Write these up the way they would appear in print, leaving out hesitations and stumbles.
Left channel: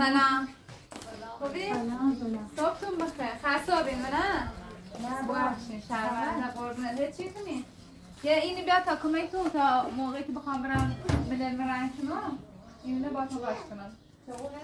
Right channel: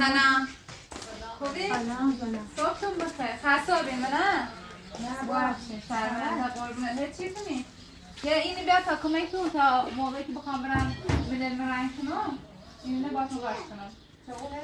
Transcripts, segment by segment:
سلام خوبی؟ سلام. صبحتون بخیر. خسابین نه؟ نه باشین. سلام. قربونت. هیچ چیزی نیست. یه اینی بیاد تا کمکتون تا موقعی که بخوام برم بدل رنگ کنم. اینو باهاتون باش کنم. چه خوبه؟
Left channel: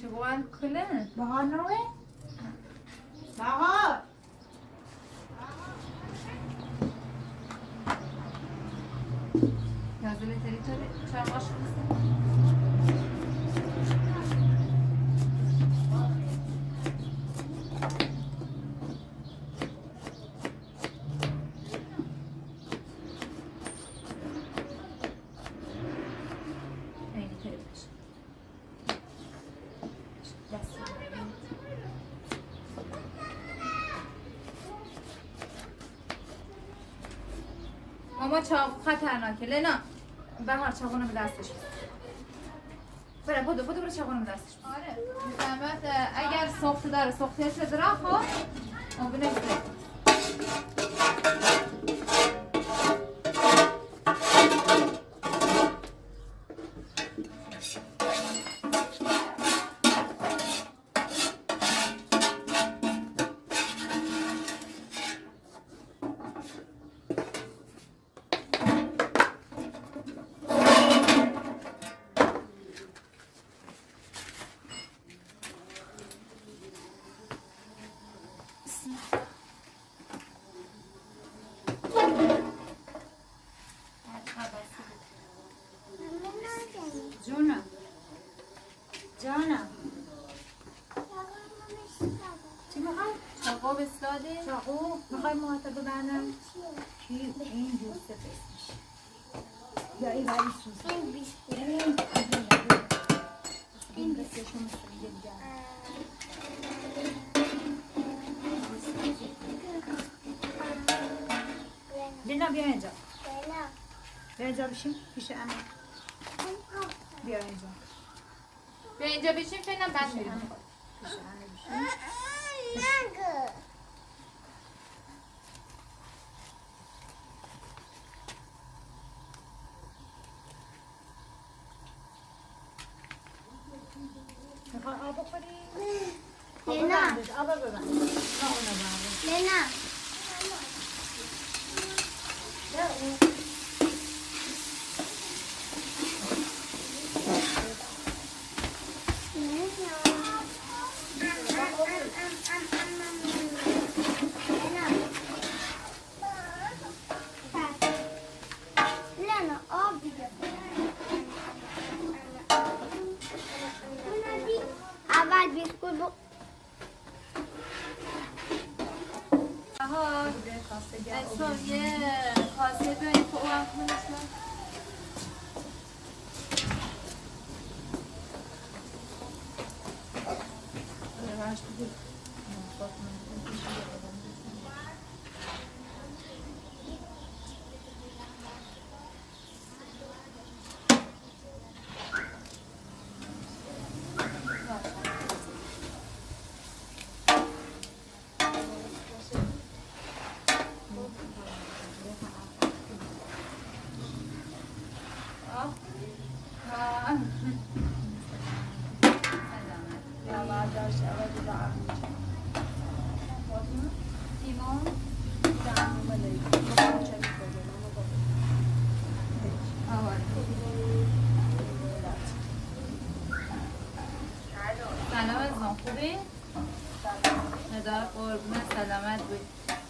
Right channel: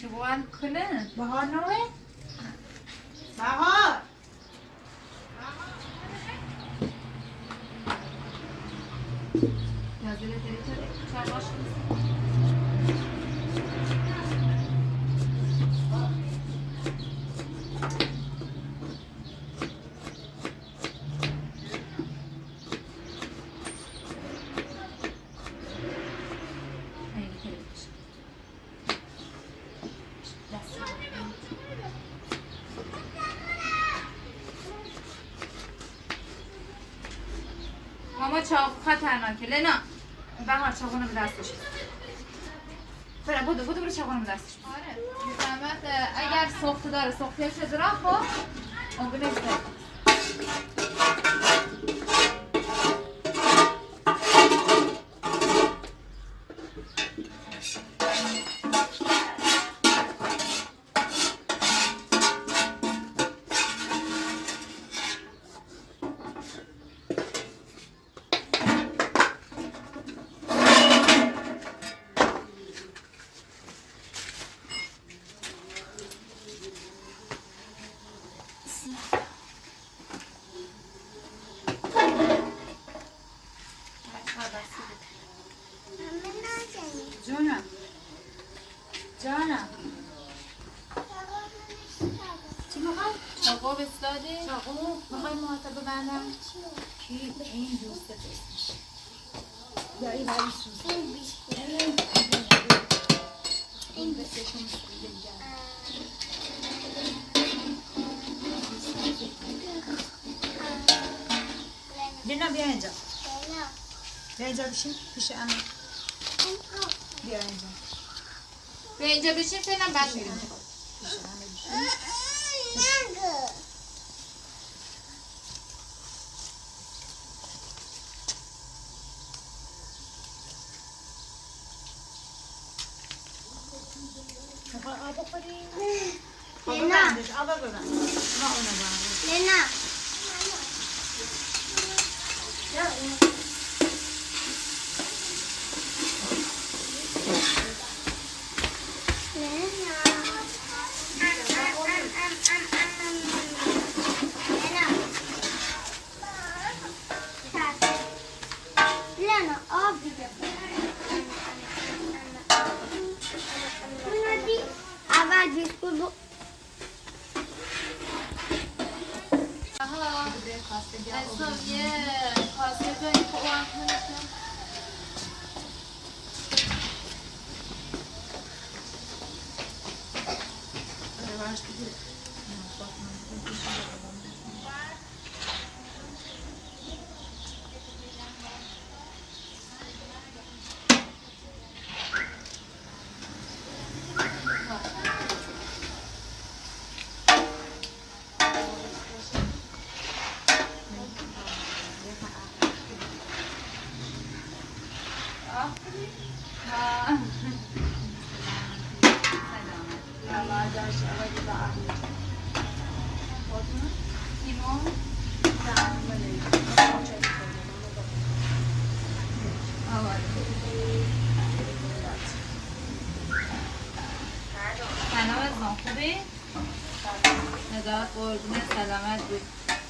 چگوان کنه؟ بهار نوه؟ بهار نازله تری چاقاش ماما چاق خطرناکه لینا بهار چاقونو به دستش بره بودو برو چاقونو به دستش آره زحمت اگر سخت داره سختیش داره خب اون بینه جانم چی میخوای؟ چاقو بستادی؟ چاقو میخوای محاطه ببندم؟ کی؟ این دوست بسیش یا این ولی سوز این بسیشون سوزه لینا بیا اینجا بیا اینجا بشین پیش امه بیا اینجا بیا اینجا بشین فیلم بند پیش امه بشین میخوای آب بخوری؟ آب ببندش لینا اول بیسکوت از یه کاسه داری که اوان کنشون قربونت سلامت بوی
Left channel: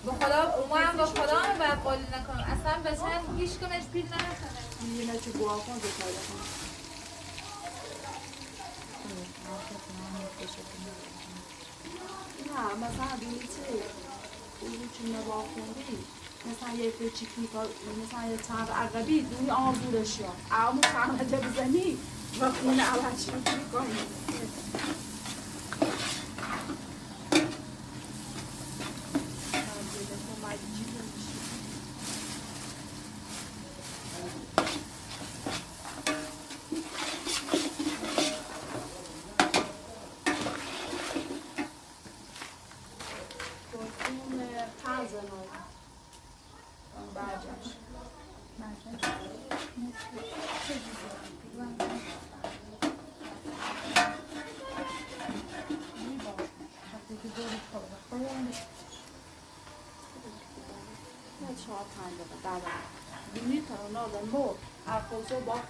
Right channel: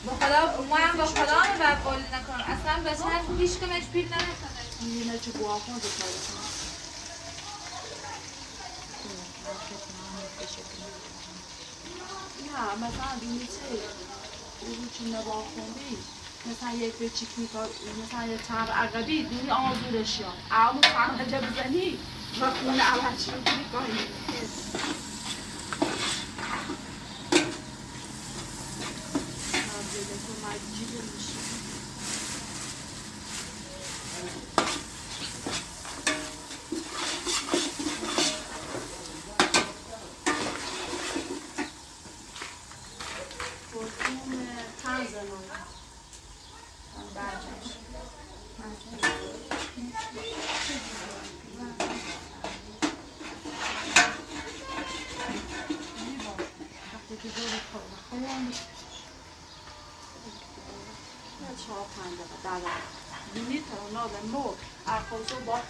با خدا ما هم با خدا هم بقالی نکنم اصلا بچه هیچ کنش پیر نشده اینه چه گواهان بکنه نه مثلا بینی چه اونی چون نباه خوندی مثلا یک چیکی مثلا یک چند عقبی دینی آزورش یا اما چند عده بزنی و خونه اول چی میکنی کنی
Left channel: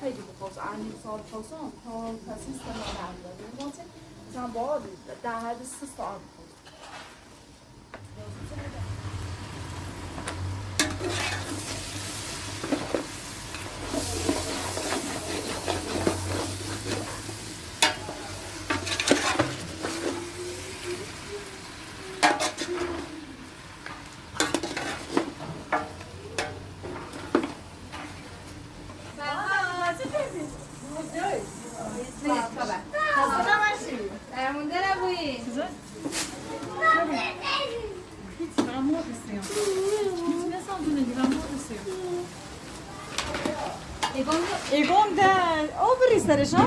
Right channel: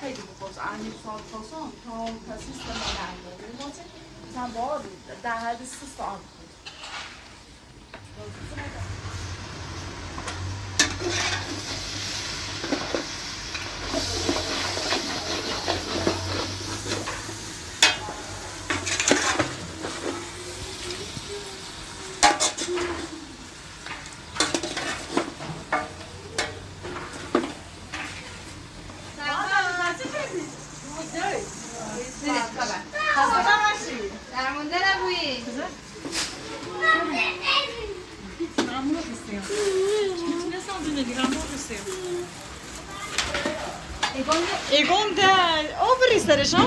خیلی بپرس انی سال پاسم تا کسی استعمال نمی‌کنه مثلا با در حد 3 ساعت Egon de overristerers, hè?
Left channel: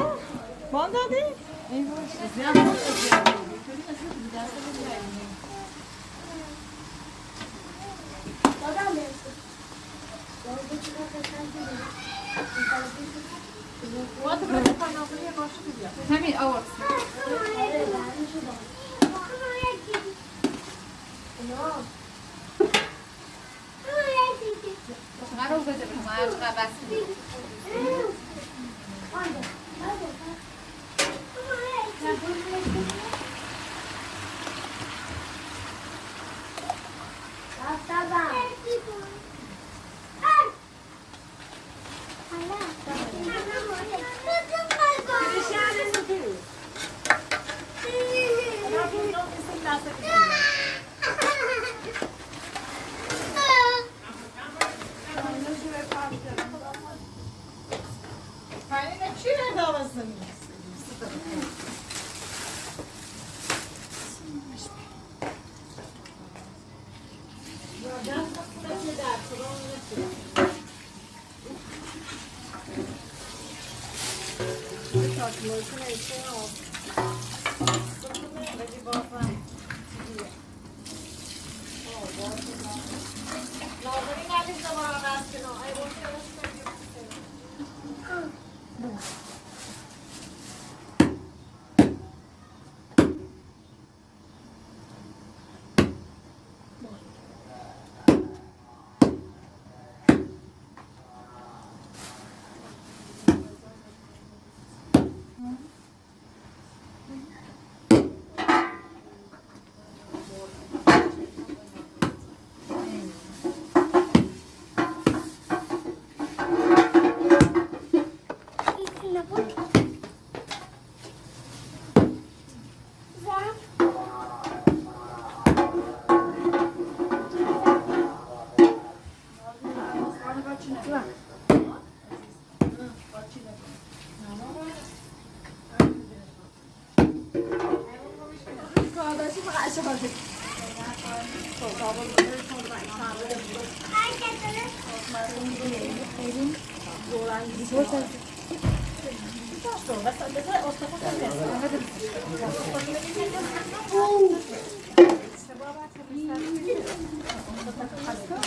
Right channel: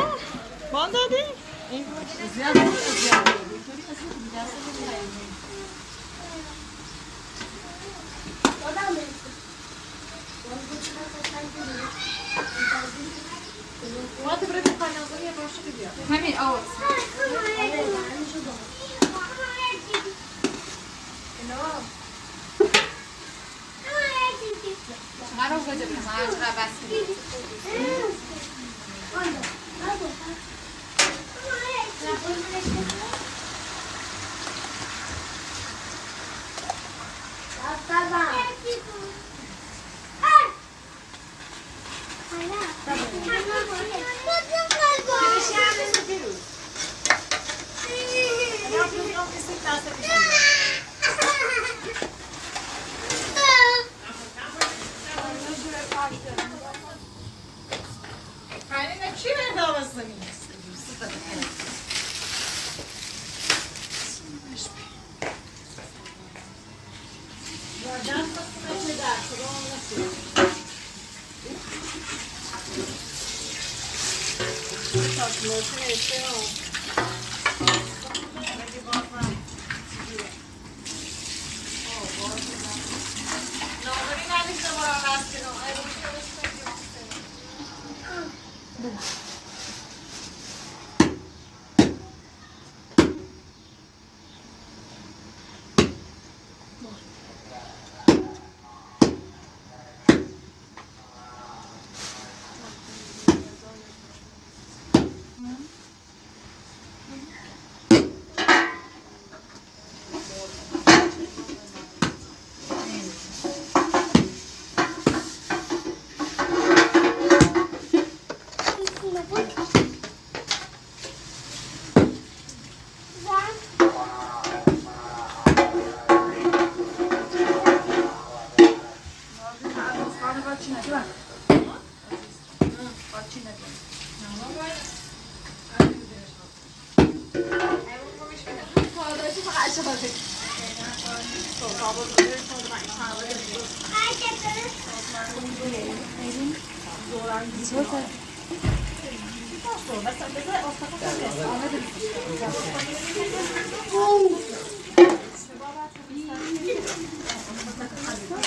Wat dat is? Wat de brede kanaal weer was je weer? همین آورد چقدر رو بده بریم هر چقدر بس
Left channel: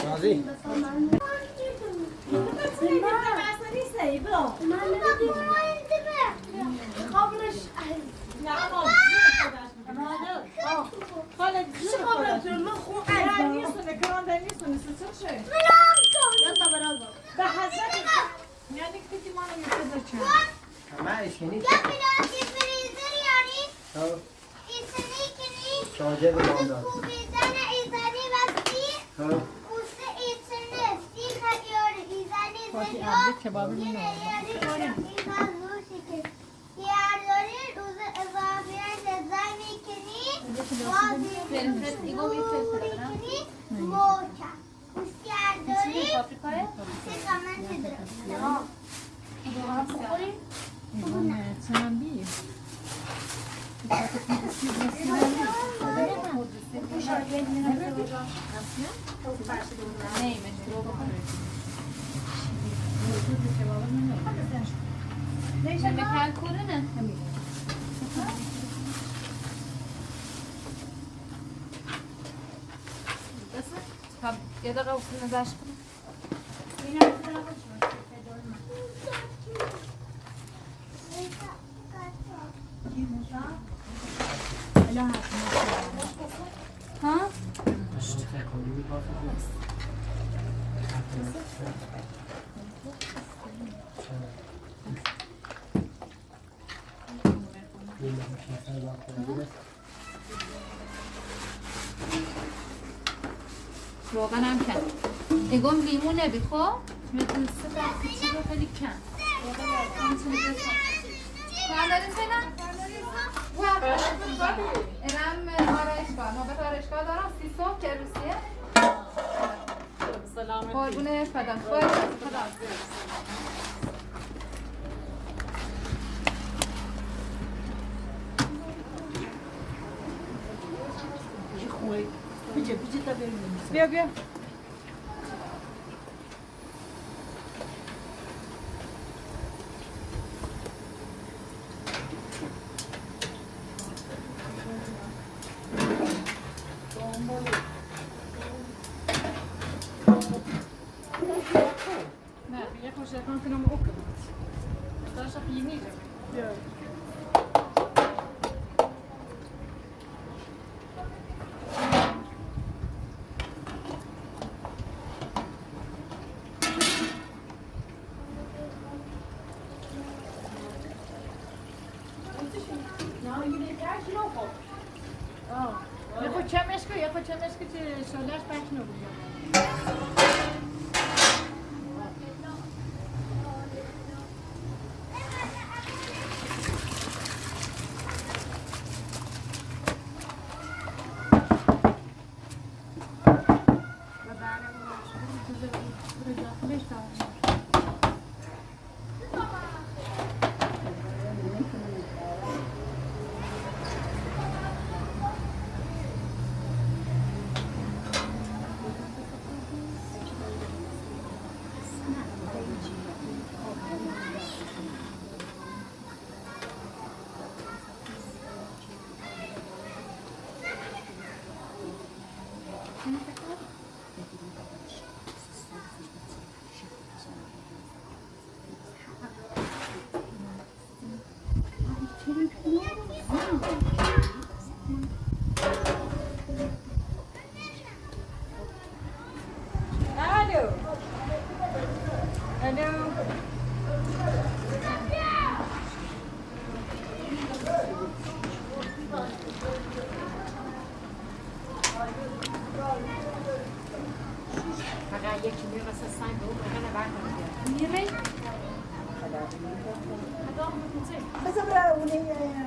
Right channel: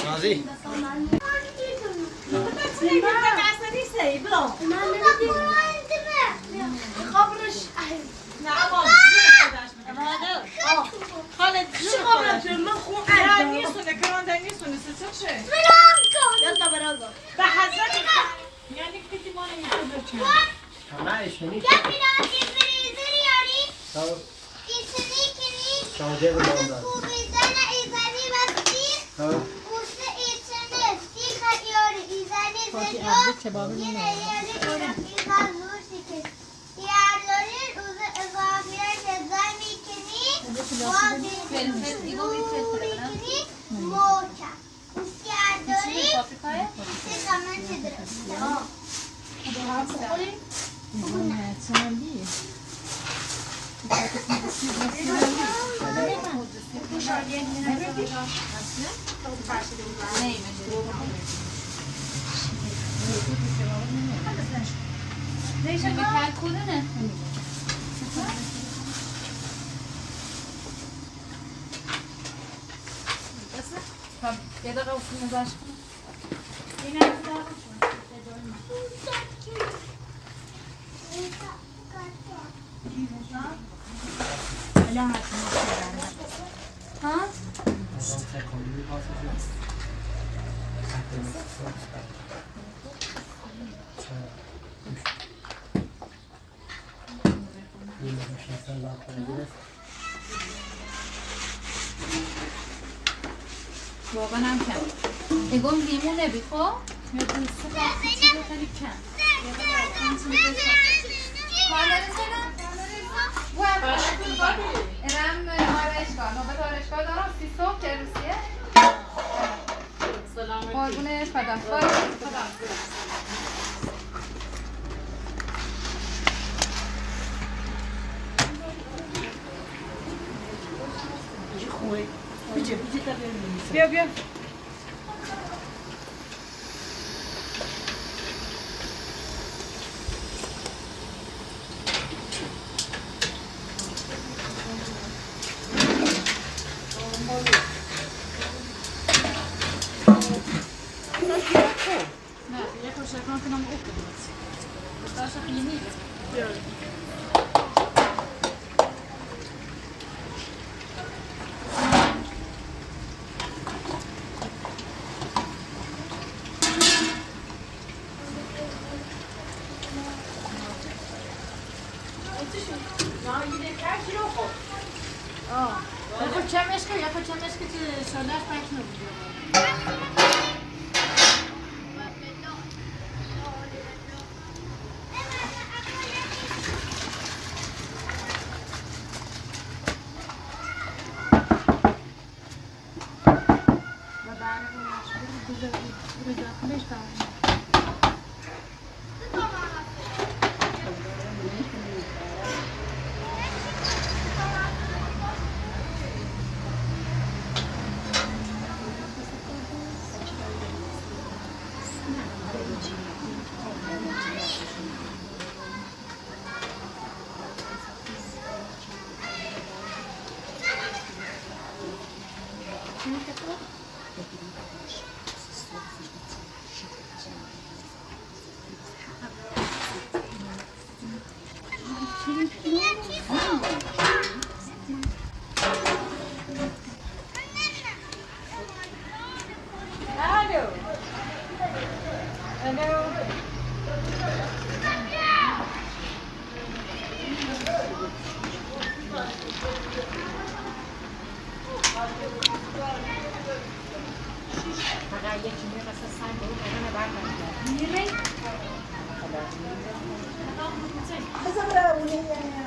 راضی شارژر رو باید داد Usta içiniz, dikkat yori, izaniz ve yok. Yine yarı izan nur şekil. Diğerlerin uzun ezafiyen nezay mikini, vazifini, moça. Ustiardori, siz zaman çizilir. Neymiş? Şimdi kalkulu ne? Tabii. Ya da kavuşsunuz aşkına. Ha? واقعا هم کم اگم لیمونه بیخو کاندارین سینا ارم آرایشگاه نوبت آرایشگاه دارم 30 صبح چرسیه قربونه خدا خدا بیا بیا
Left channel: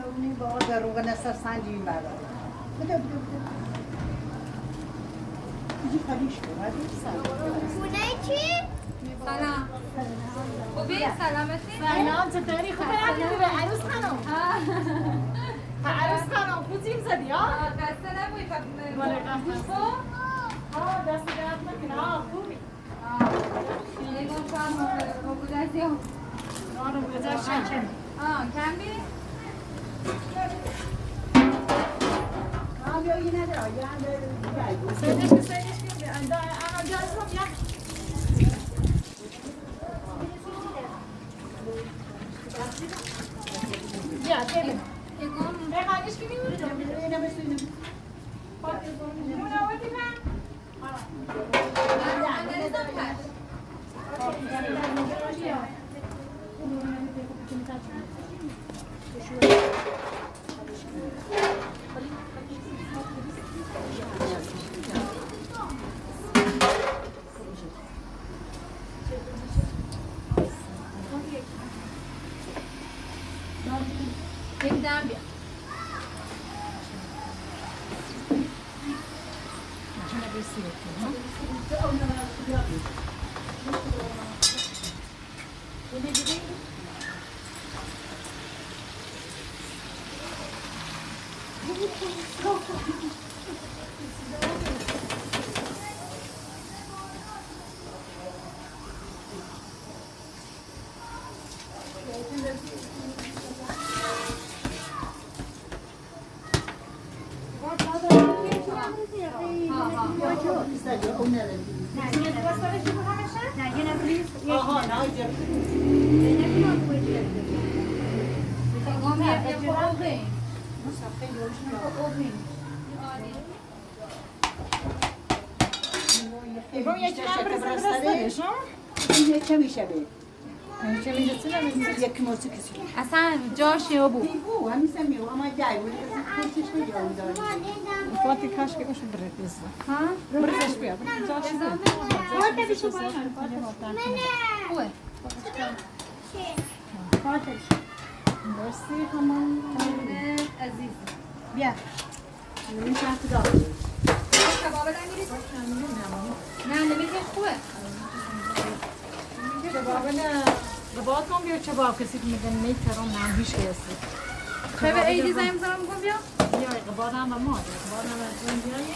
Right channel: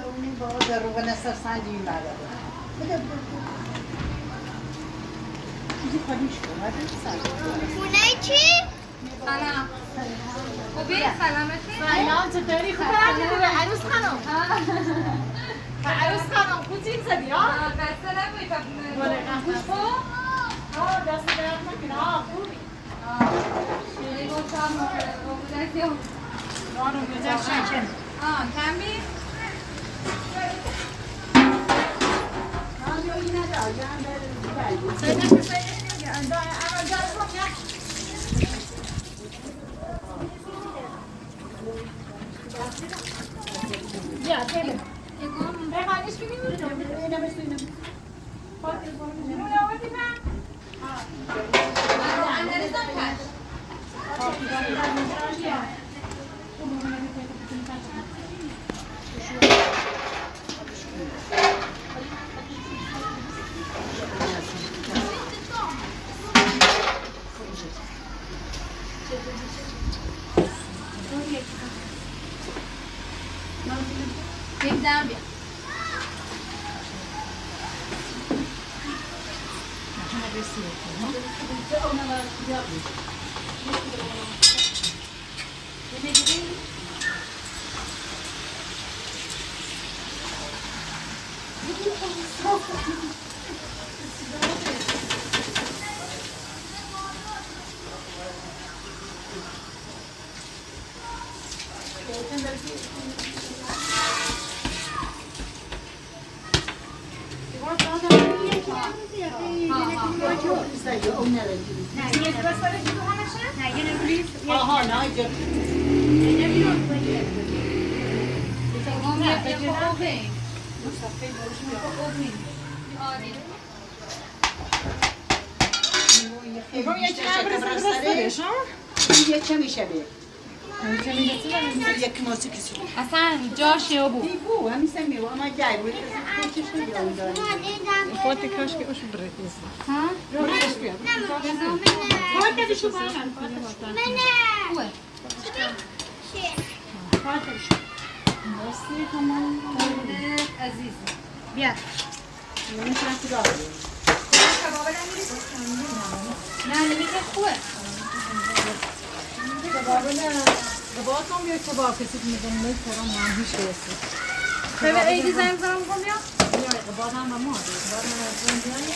اونی با در رو نصر سنجی بعد بده چیزی خالیش کن خونه چی؟ سلام خوبی؟ سلامتی؟ سلام چطوری خوبه؟ عروس خانم عروس خانم خوزین زدی ها؟ قصه نبوی گوش خود؟ دست درد نکنه خوبی شیری گفتم رو بودن ما رو گذاشتن کم بی؟ در بیا آها نه اینجا یه چه میشه بی؟ یک نوسی کسی اصلا جاش یا بود بو همیشه میو اما جای بود کوچیش نگیرم داره فاتی کاش که کاش برید ها؟ خوبه مرسی تمام عزیز بیا این چند تا نه نمیشه خوبه کباب نه کباب کام بیا کباب کسی که میگن میترام نه هیچ کسی به ایدی زنگ زنم کن بیا بیا کباب هم با ما کباب هم از این بیایی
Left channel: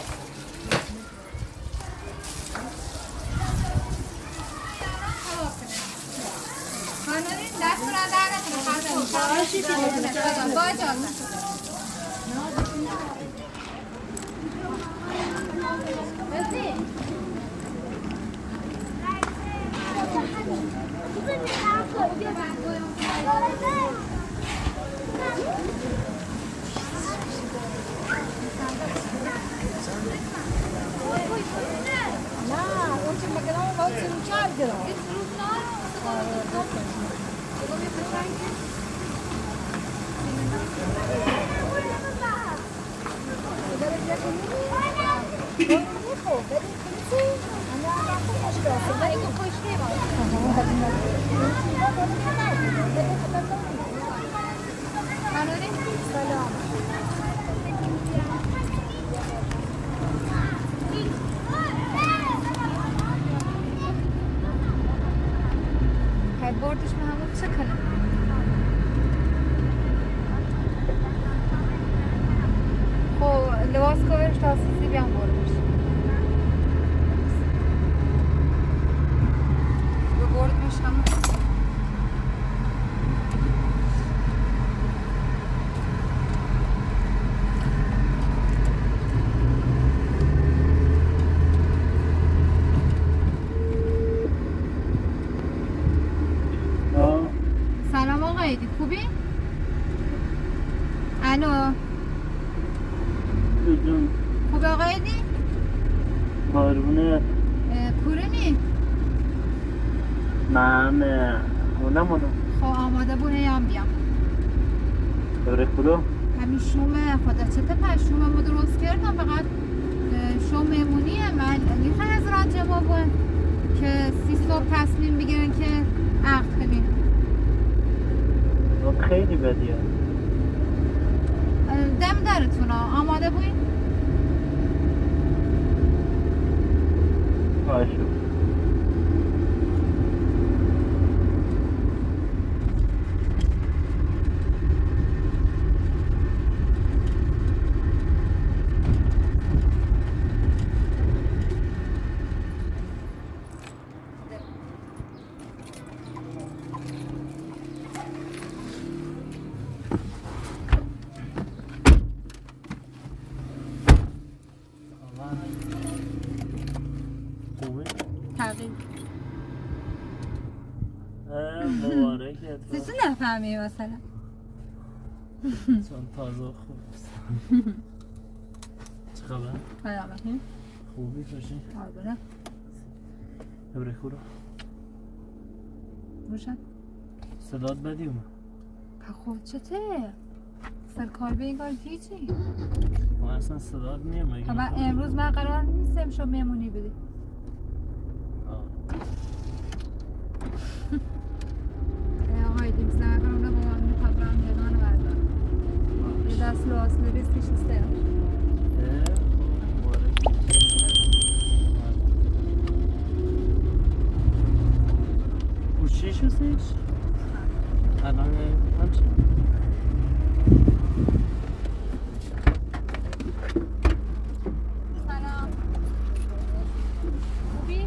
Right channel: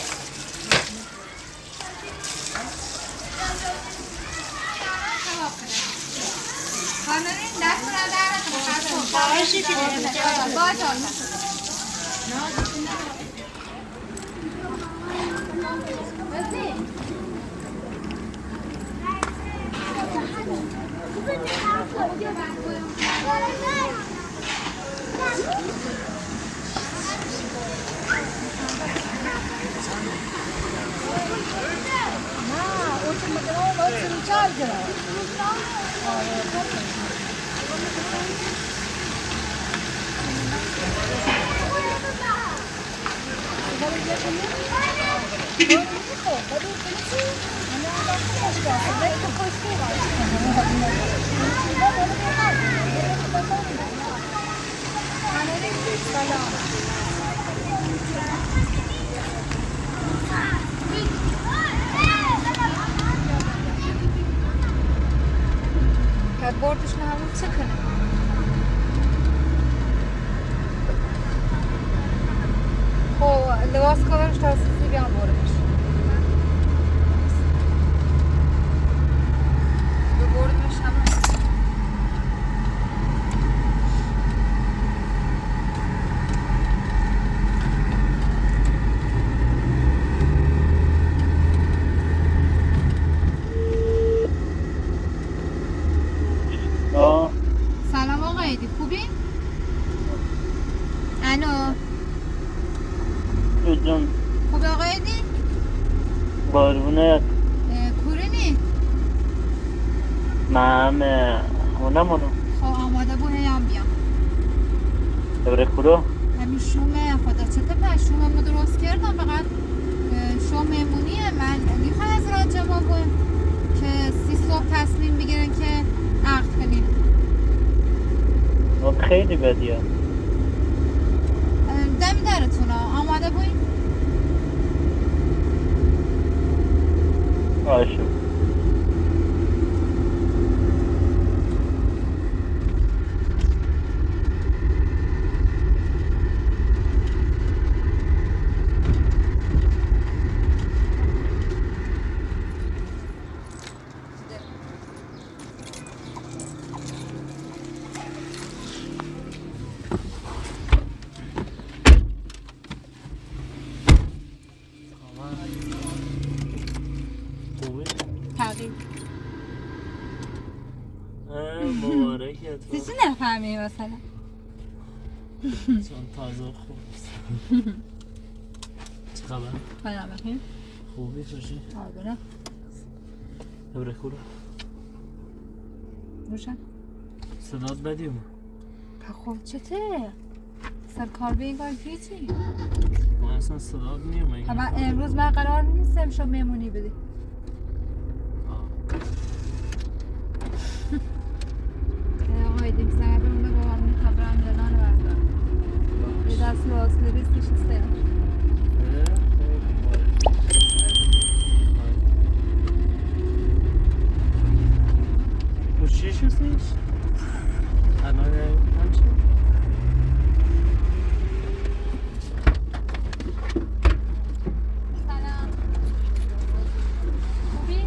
خانمین دست را در باید بردش نهارم چه کنه؟ خب لباس کارش تاسیسی بیان بردش یه بردش هم سلام آقای دی خوبی؟ الو جون خوبی آقای دی؟ قربونت کورنی؟ من هونمونو خب آماده بود هیام بیام ابره خدا همین شومه خدا چطه پس شومه ما درست کردم فقط شوم میمونیه من میخوای از راجع بابا که 30 صبح تصمیم بگیرن که عقد کنیم خیلی بدیه دم درتون آماده بوین؟ آشو تغییر مبارکت چیزی نفهمی مثلا چون تازه خوب چه خبر؟ خدا بخیر خوبی توشی؟ قربونه ابره خدا روشن صدات بدی اومد خب چته؟ سرکار به این کار هیچی ما اصلا صدات نیم من امروز من قرار نیستم شو میمونی بدی آقای دیگه زمه برون به بابامون خبرم دادن بردارم چیش هستش؟ الان همچه؟ سلام خوبی؟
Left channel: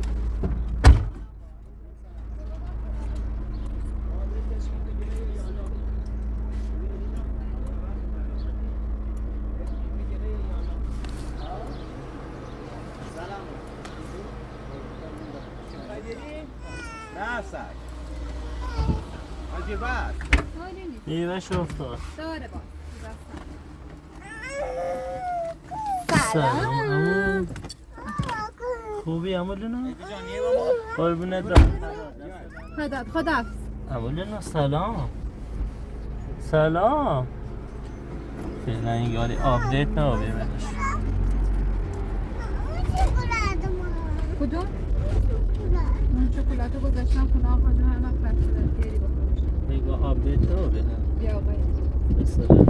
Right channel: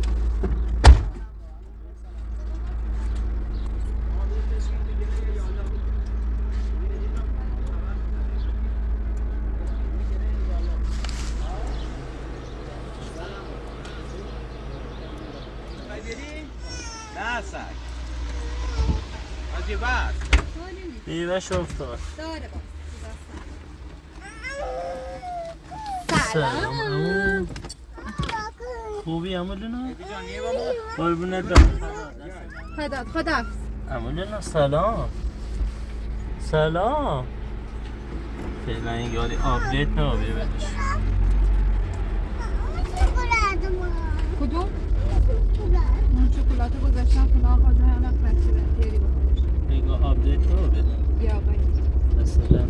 بیوه شفتم داره باز سلام خوبی امو لینا؟ قربونت برم خدا امو لینا سلام سلام فعلا این یادی آپدیت نه بیوهش کدوم؟ اون شکلاتو گذاشتم خونه آقا جو هم وقت بچه بیاری بخورش دیگه آپدیت نه بیوهش بیا آقای سلام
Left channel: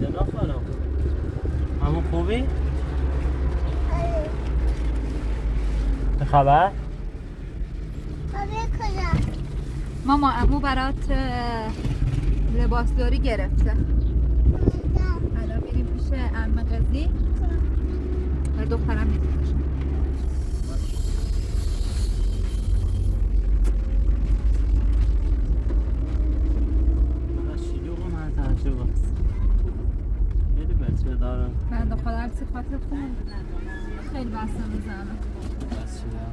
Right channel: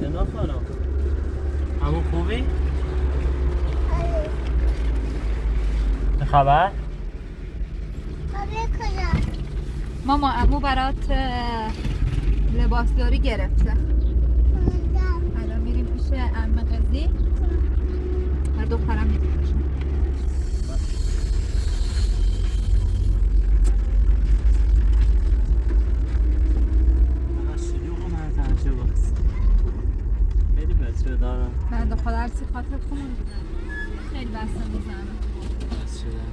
لینا خانم امو خوبی؟ چه خبر؟ ماما عمو برات لباسداری گرفته الان میریم پیش عمه قضی هر دخترم می‌پوشن فقط شلوغ من تعجب است خیلی بچه دارم من خدا هرچی خاطر خون خیلی بستم میزنم بس شدم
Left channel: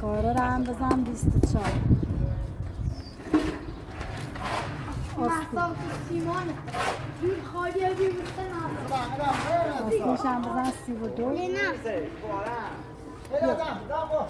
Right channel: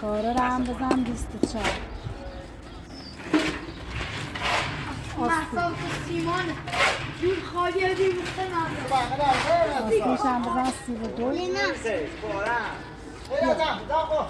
کارا رو هم بزن 24 آسمش هم بزن 32 باشه بابا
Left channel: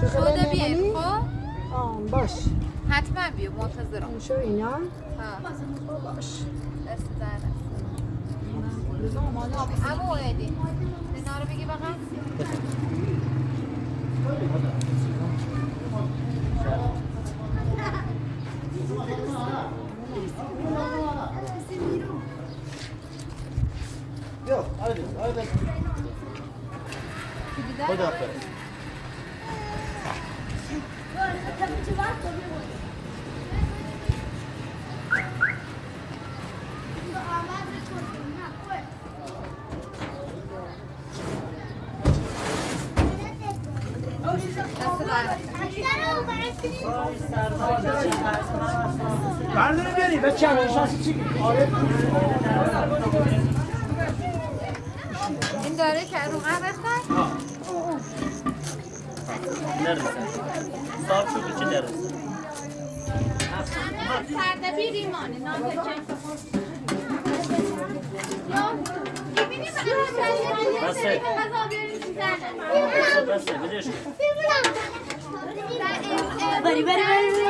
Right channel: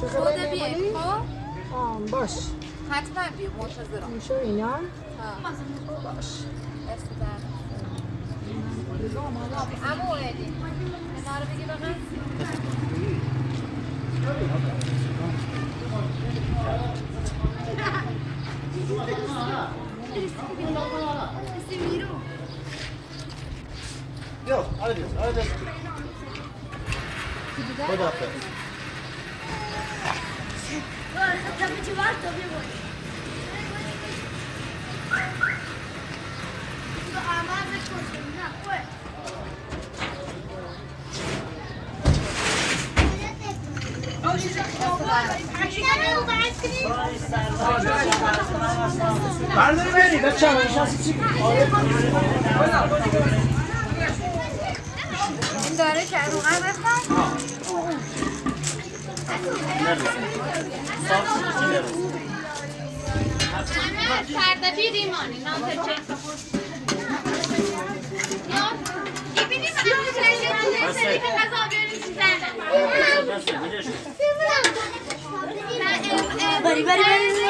شده بیایم خب باش حتما بیا منتظرم شو اینا ها باش دست در اما اوردی اینا رو بگی بقیل Yok, hadi, hadi. خداحافظ. بردار بیاری بچه همه نشستی چی؟ این داره که رو قرار رفتن؟ فردا بیریمانی نام ببینیم سری که غذا بیاریم بری بری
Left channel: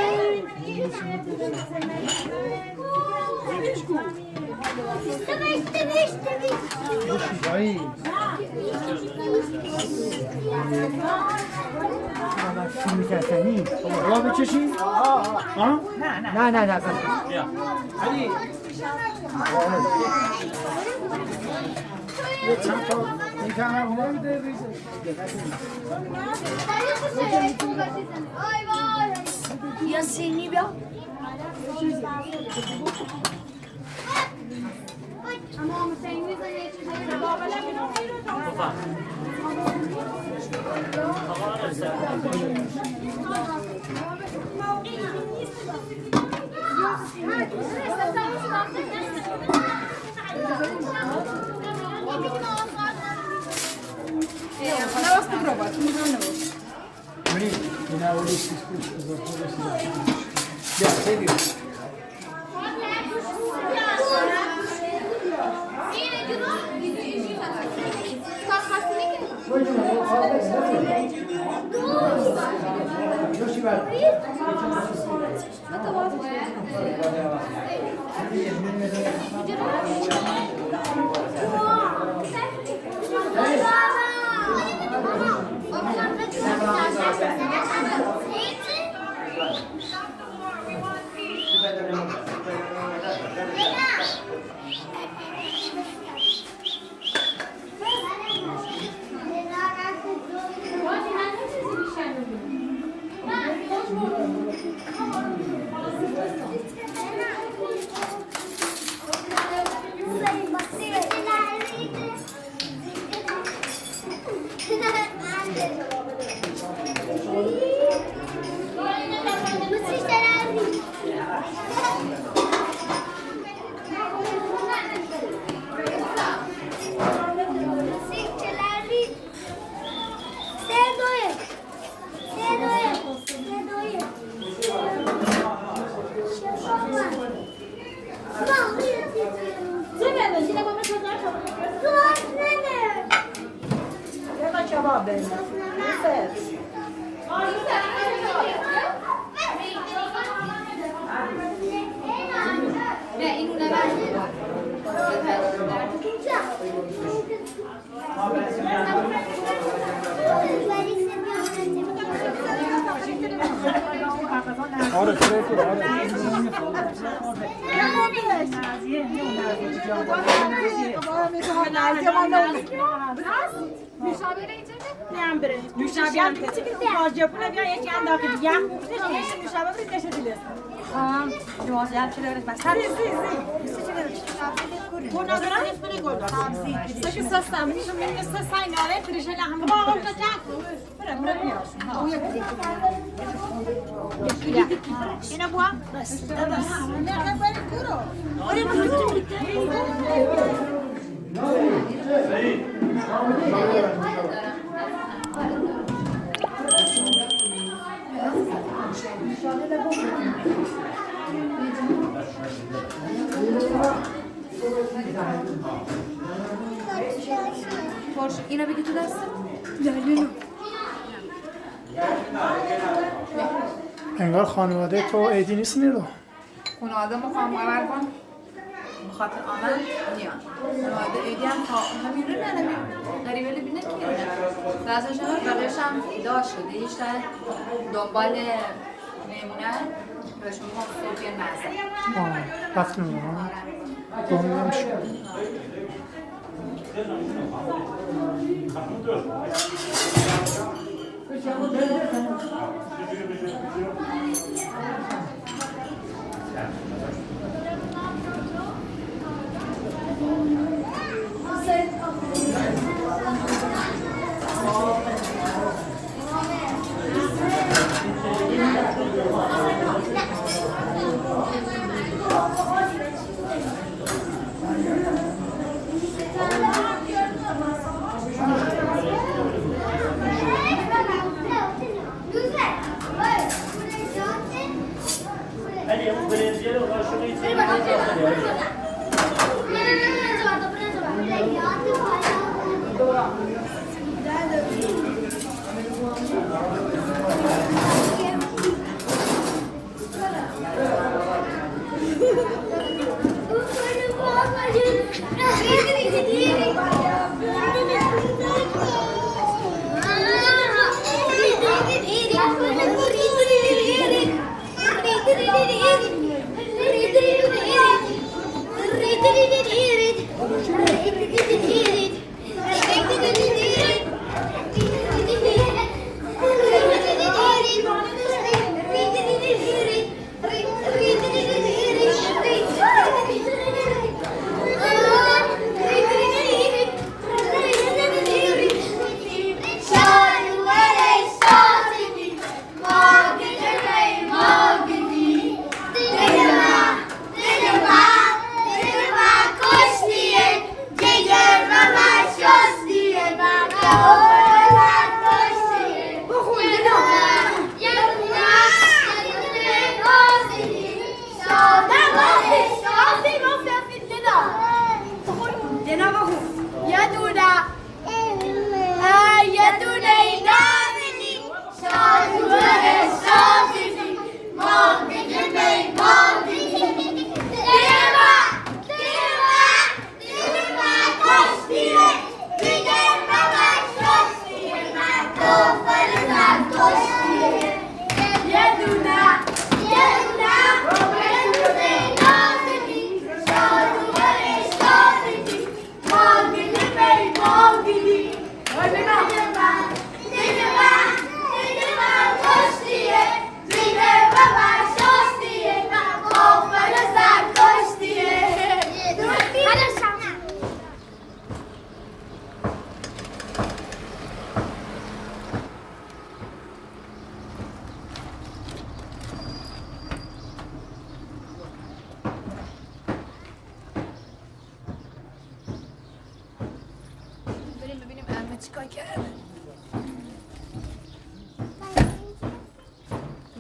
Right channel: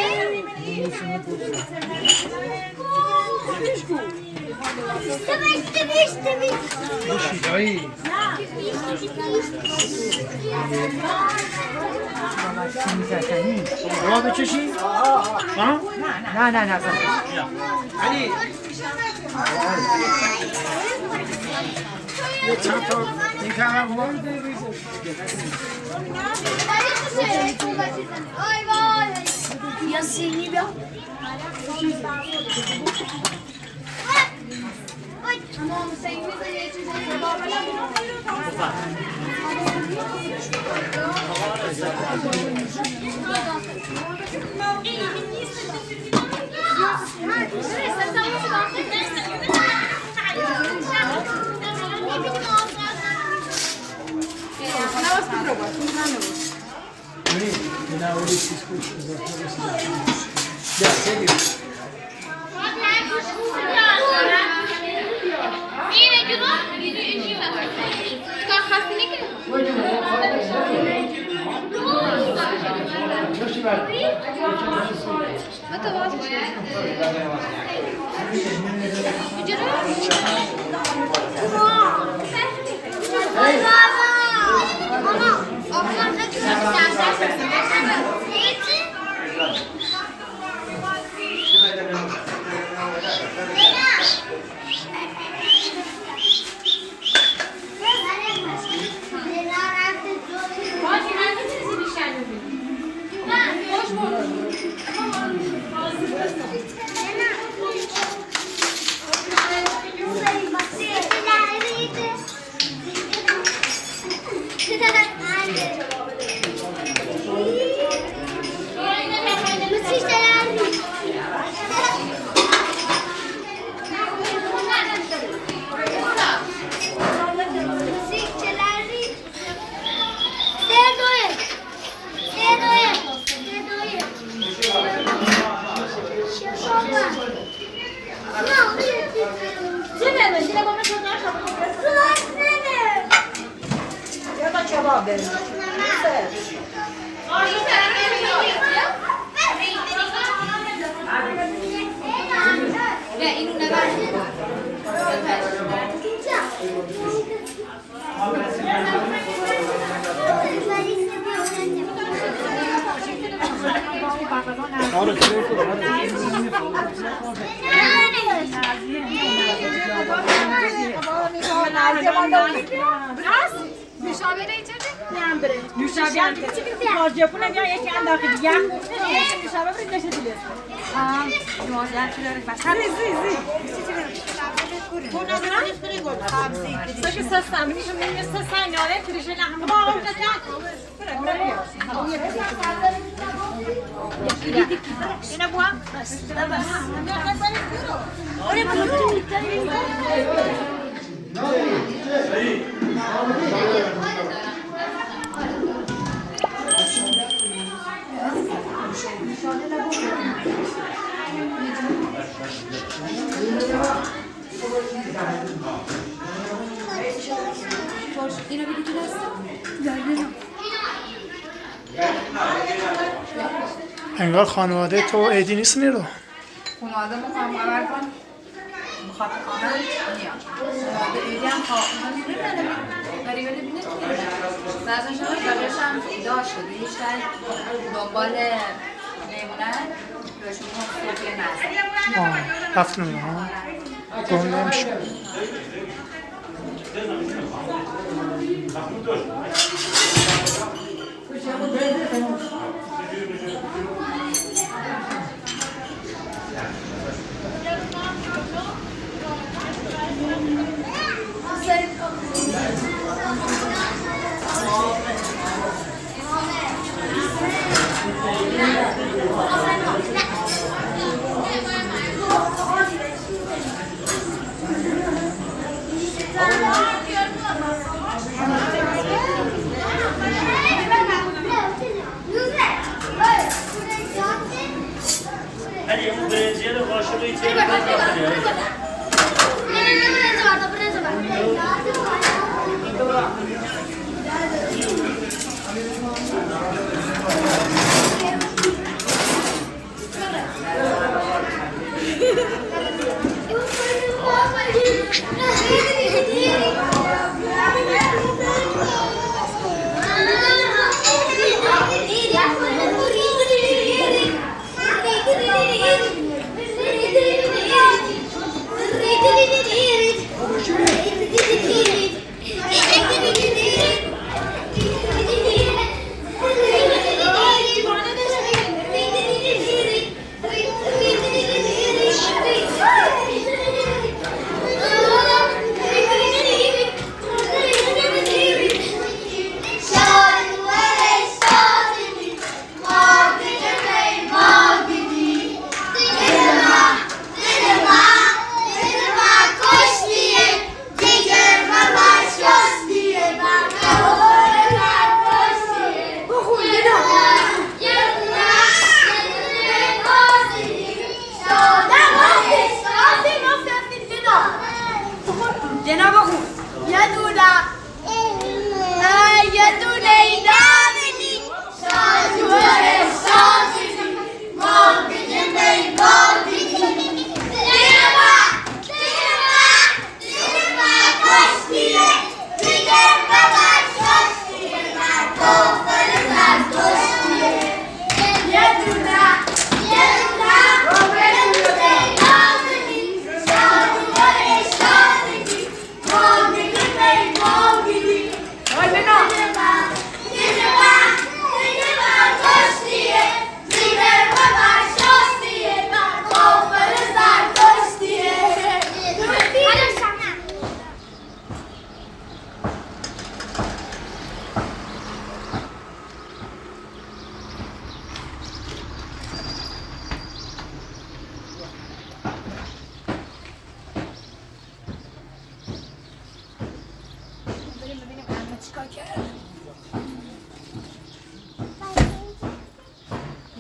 راه بچشی؟ ها؟ نه علی یه چند تا این کمر ما یا سینی بیا اینو بگی تو دست؟ انگار خانواده تو ایدی نیست نیرو. خانواده مقام آور کن بخاطر آنها میان خانواده ایدی هم خواهد میرونه ولی بینید نزد شده بقیش هم داشت شده ایشتر دنبال میمونن بهشون هم صوفی نزد رفتن اونها گم نمیشه. علی اون برنجی رو قاشقی چه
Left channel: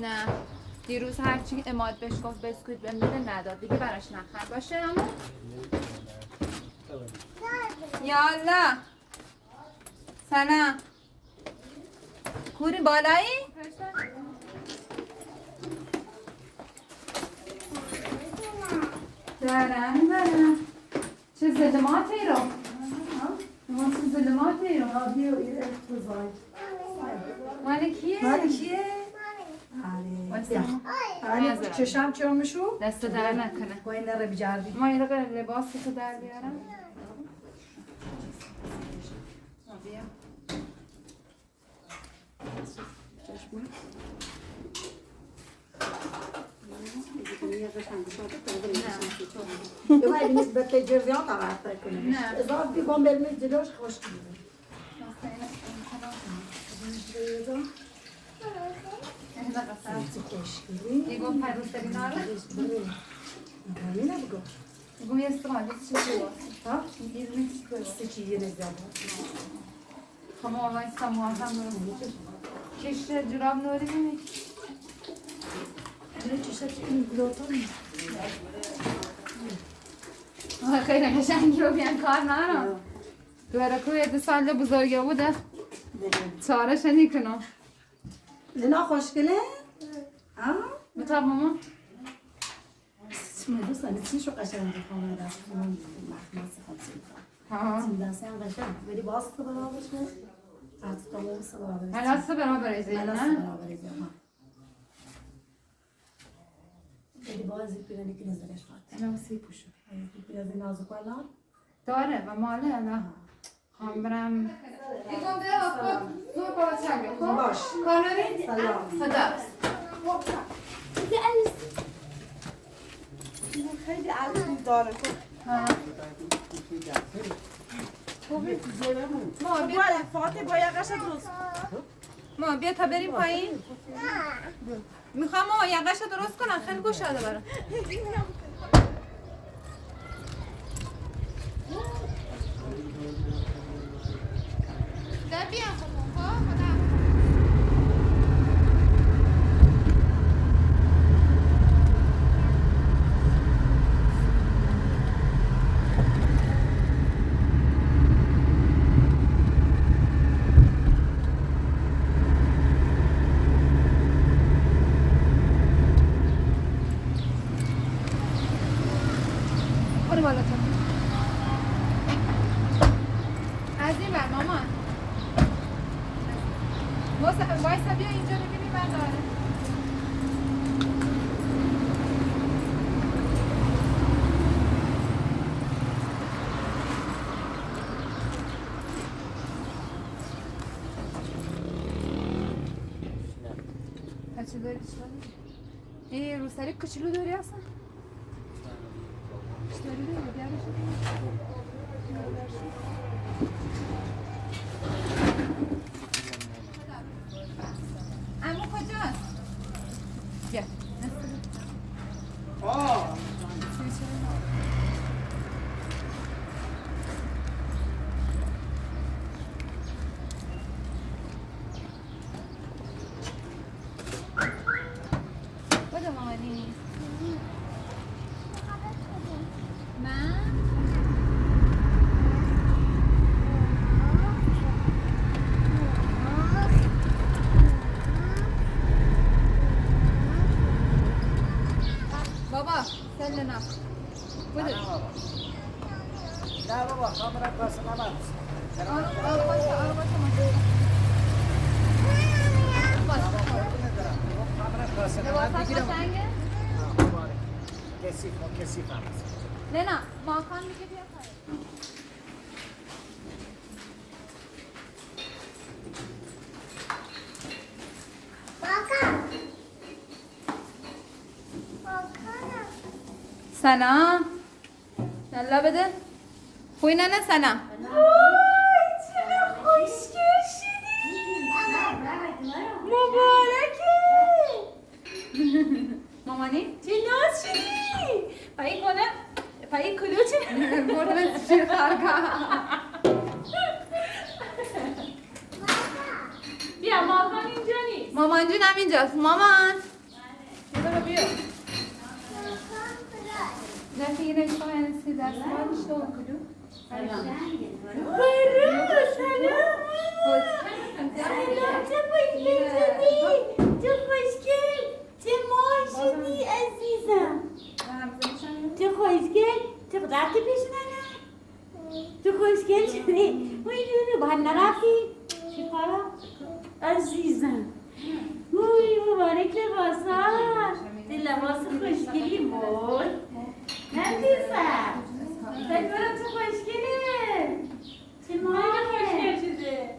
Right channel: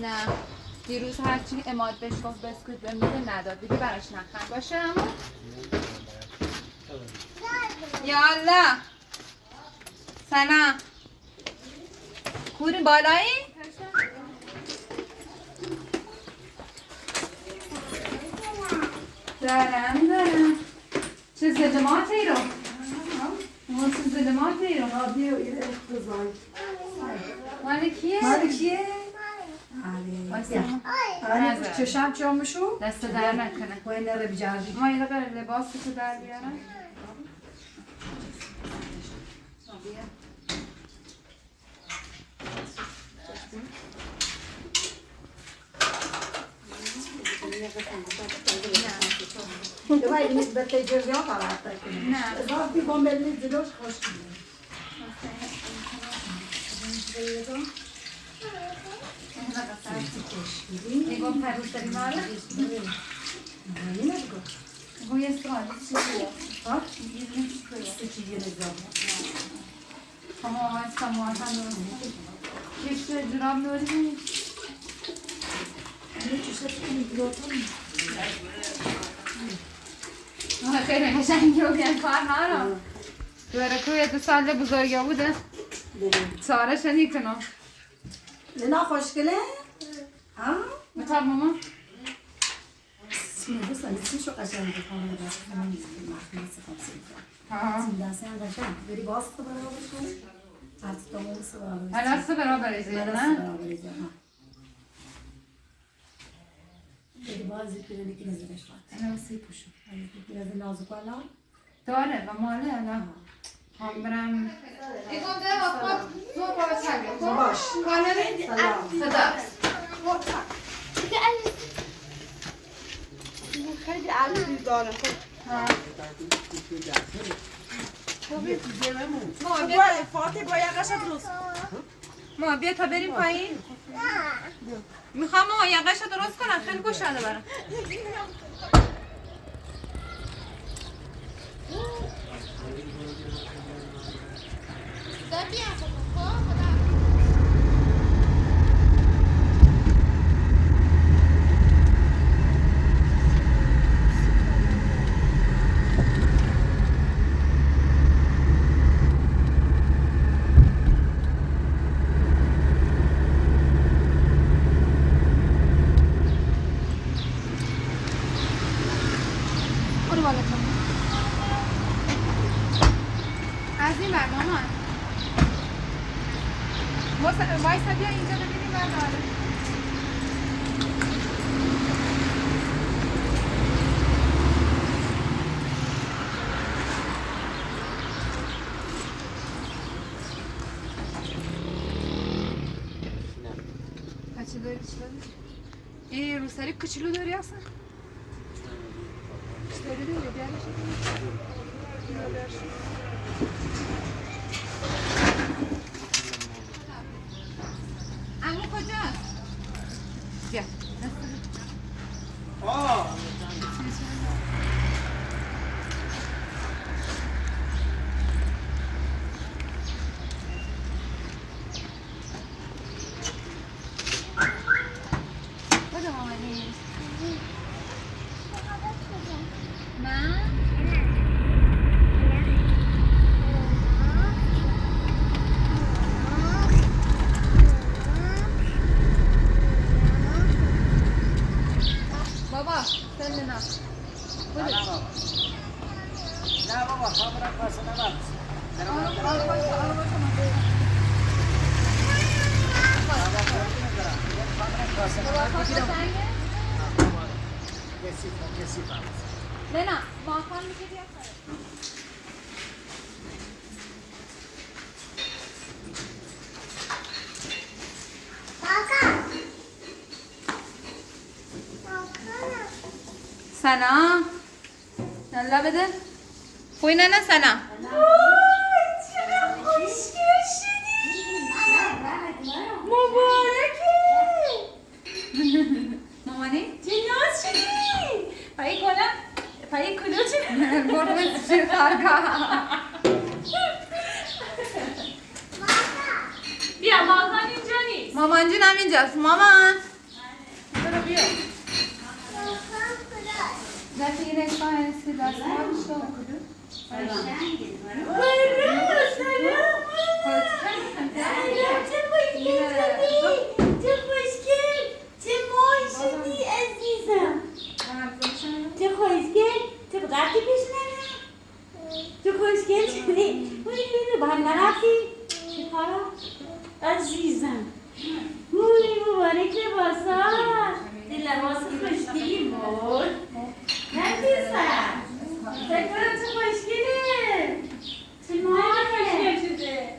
نه دیروز هرچی اماد بهش گفت بسکویت بهم بده نداد دیگه براش نخرم باشه اما یالا سلام کوری بالایی؟ دارم چه زدماتی رو؟ چه زدماتی رو؟ رادیو ایره افتزای مال کیه؟ آره چشم چامشو دست در نکنه باید نره بجردی ما یه دقیقه لباس تو در بیارم Давай, не бете джерзя калата. نه Зараз би бомбелни зелош хош. یگو پروش داری ماره؟ یگو یه استفاده چی بود؟ ها؟ یه نیست چی یه نگاه. کما آواز کما هم نوری کش جراب نوری نیست Ne çeşit میگیراتون خیلی قشنگی رو بیان کار نارم دوره کوی 2 سال بزرگه بوده چارش نیکنم نه خوشگله بتاب ماما دوستان چیشو قشنگ بخوام راست مخمس خمسین ها دستان قشنگ بری باست برابر کن از تمام برابر هلاست برابر ایزی نه بری بازی کنی که نزدش فات انا سی پوشو biraz nazik olan داره و ماله الان هم برم ایتون ده خب تو با چگه تو باش کانالی خدا خیلی عزیزی داره ما بیا فاطمه با یقش درست ما بیا تا بریم پایین میخوام ما یقش درست کنم خیلی گوشاله برام ده بیا خدا وایسا بیا اینجا ببینیم من دارم بچه داری چی داری؟ این روسری کوچولو داری اصلا؟ چی داری دیگه بیارش؟ عمو کجاست؟ بیا بده مامانی من؟ بابا سل نه بده نه بابا خبرم واسه نبرد آره باشه لینا ماکان میشه بیا سنا یلا بده خوی نه سنا مبارکه مامانی چه ناز شدی پایی کنم پایی کلو چه برد چه خرگاه بیا مامان اینجا نیست مامان جونم اینجاست مامان برو بیا دستی یه نگاه هستی دست ما بشته و کدو چه ماشینی عزیزم چه خوشگل چه رفتی پیش ننه چه خوشگل شدی با هم نرفتی چه کارا عزیزم مبارک لباسات لباس خوشگلی بود عزیزم فکر کنم چه خوشگله چه ماهی خوشگل شده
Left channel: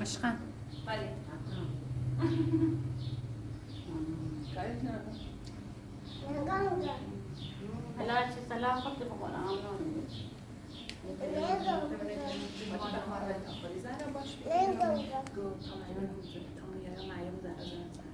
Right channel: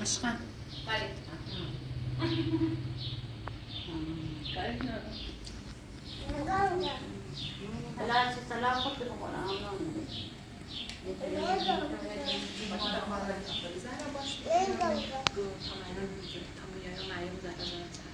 عشقم سلام خود بخورم زهره باش گو تمام تمام معیم زهره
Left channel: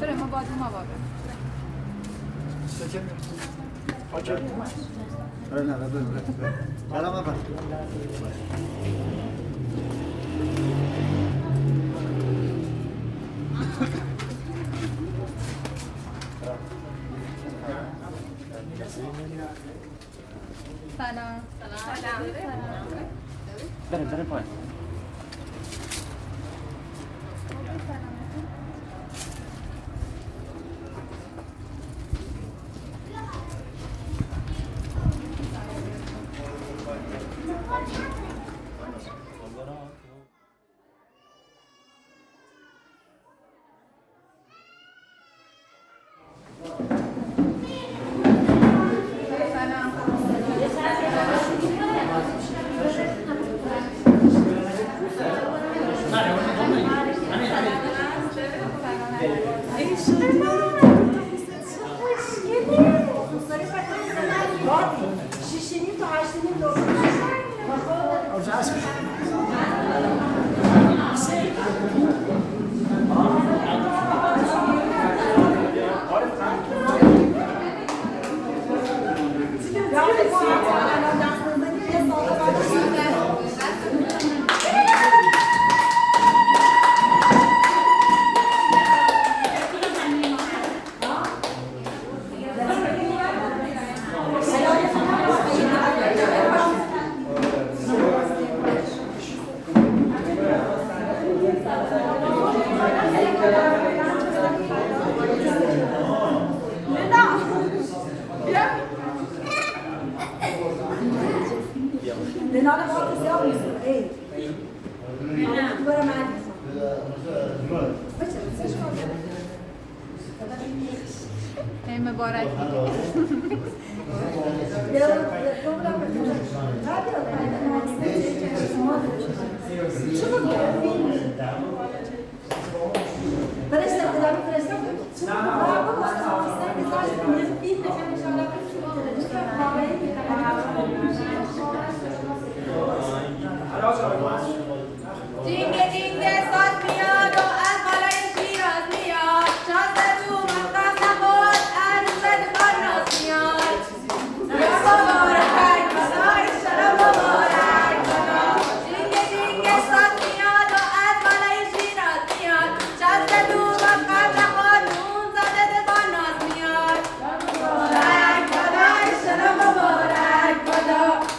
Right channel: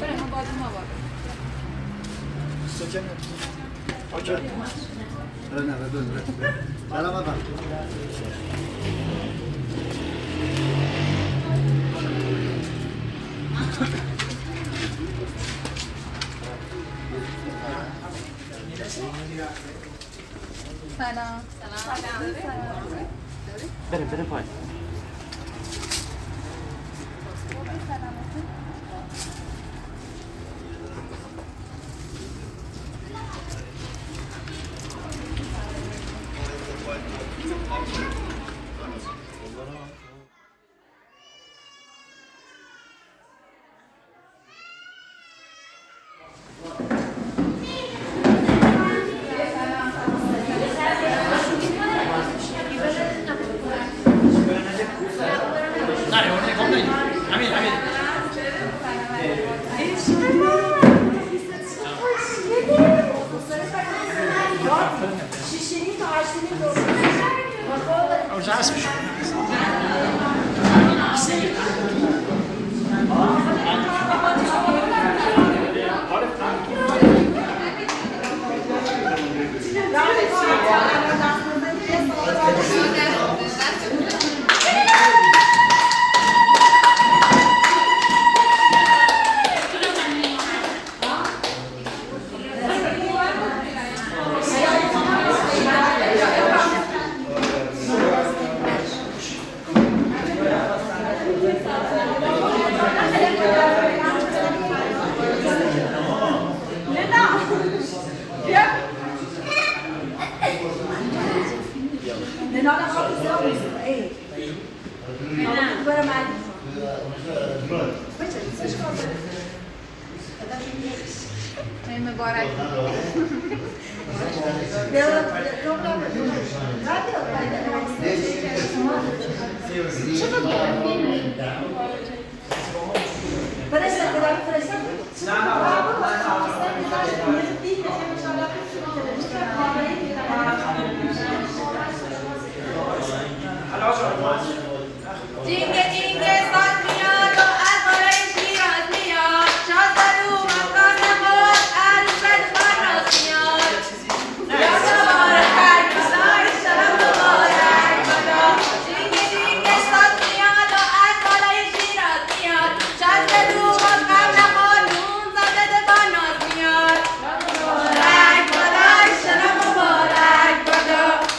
بریم ما باید ما باید سلام آقا سلام بریم پایین. مبارک جینگه جینگه ساز میاد و از بالای شیراز میاد شازده رو مقام نبود عروسه باناز میاد یا مبارک بادا ایشالا مبارک بادا جینگه جینگه ساز میاد و از بالای شیراز میاد شازده رو مقام نبود نون زده باناز میاد مبارک بادا ایشالا مبارک بادا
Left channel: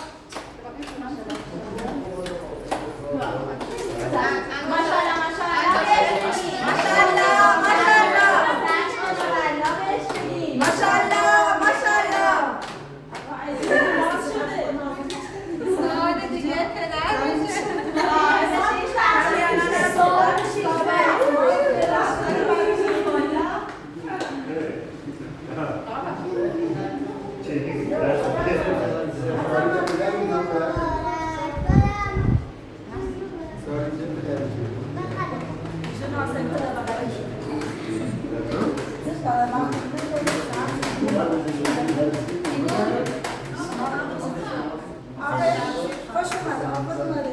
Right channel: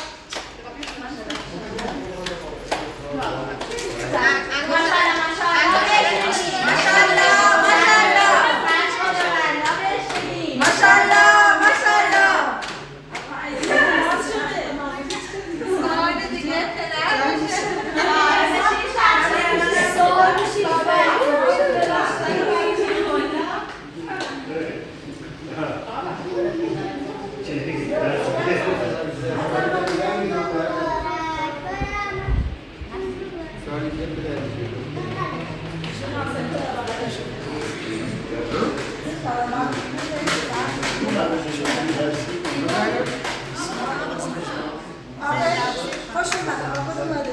خوش اومده آقا اومده